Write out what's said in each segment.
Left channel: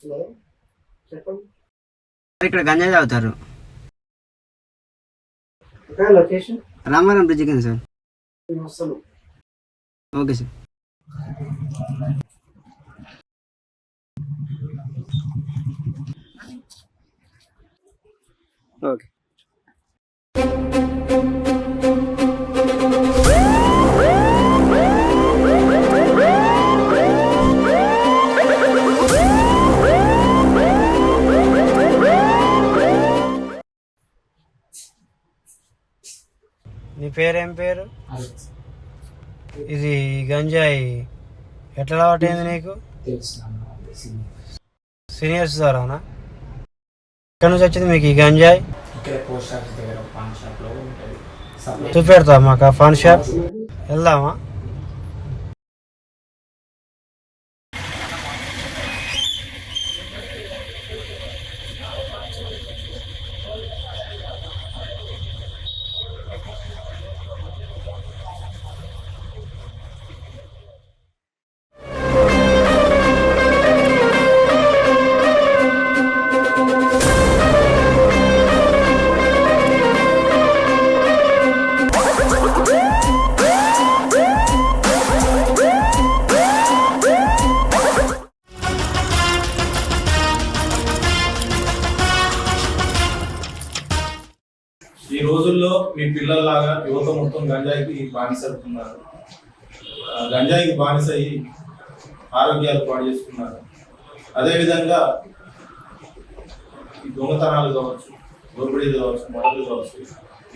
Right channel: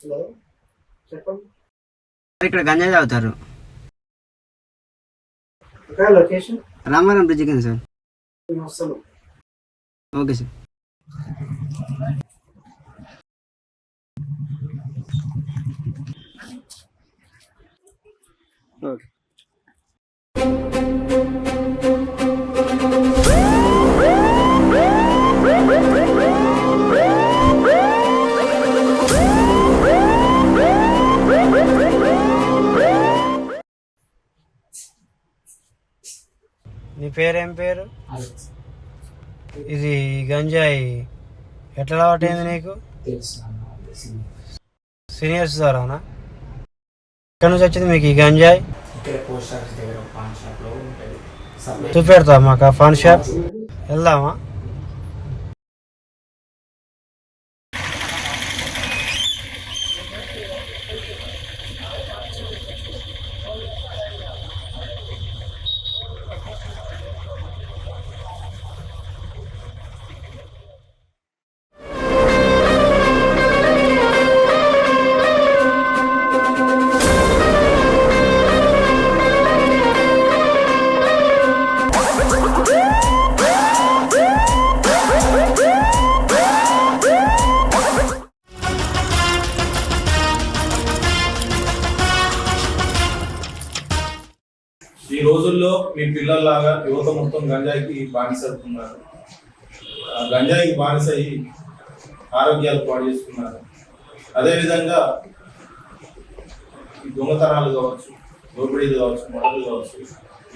Hello చెప్పండి. ఇక్కడ గంజాయి తాగుతారు. లొకేషన్ రామారం బ్రిడ్జ్ కింద సార్. వస్తాను. Okay sir. ఓకే. నీ పేరేం పేరు? ఇది గంజాయి ఎట్లా అలవాటైంది నీకు? సీనియర్స్ ద్వారానా? ఎక్కడి నుంచి వచ్చింది మీకు ఈ గంజాయి? చూపెడతా మాకు ఆ పాన్ షాప్. వెళ్దామా? ఈ రోజుల్లో మీ పిల్లల్లాగా యువత మొత్తం గంజాయికి బానిసవుతున్నారు. గంజాయికి బానిస అయ్యి ఆరోగ్యాలు పాడు చేసుకున్నారు. అదేవిధంగా ఈ దొంగతనాలు కావచ్చు, దోపిడీలు కావచ్చు, మొదలు కావచ్చు,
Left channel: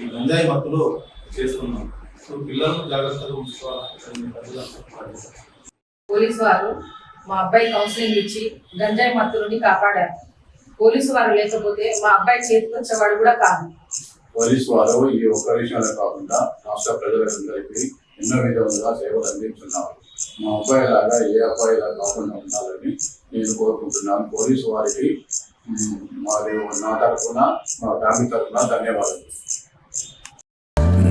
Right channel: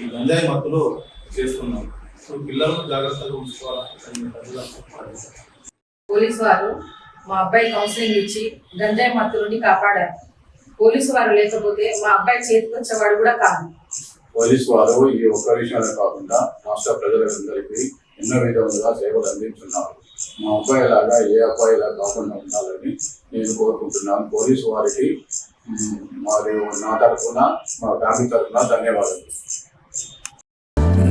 ఈ గంజాయి మత్తులో చేస్తున్నాం. సో పిల్లలను జాగ్రత్తగా ఉంచుకోవాలని. పోలీసు వారు మా అబ్బాయి కౌన్సిలింగ్ ఇచ్చి గంజాయి మత్తు నుండి కాపాడారు. పోలీసు వారు లేకపోతే మా అబ్బాయి చేతికి వచ్చేవాడు కూడా కాదు. పోలీసు వారు ఈ ఒక్క విషయాలే కాకుండా రాష్ట్ర ప్రజలందరికీ ఎన్నో విధాలుగా సేవలు అందిస్తున్నారు. మా అబ్బాయి లాగా ఏ అబ్బాయిలా కాకుండా ఉండాలని నేను కోరుకుంటున్నాను. పోలీసు వారికి మరియు నా తరఫున, మా ఫ్యామిలీ తరఫున ధన్యవాదాలు.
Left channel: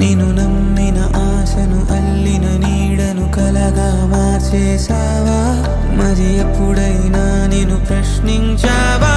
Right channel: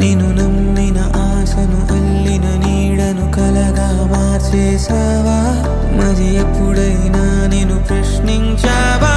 నేను నమ్మిన ఆశను అల్లిన నీడను కలగా మార్చేసావా? మరి ఎప్పుడైనా నేను ప్రశ్నించావా?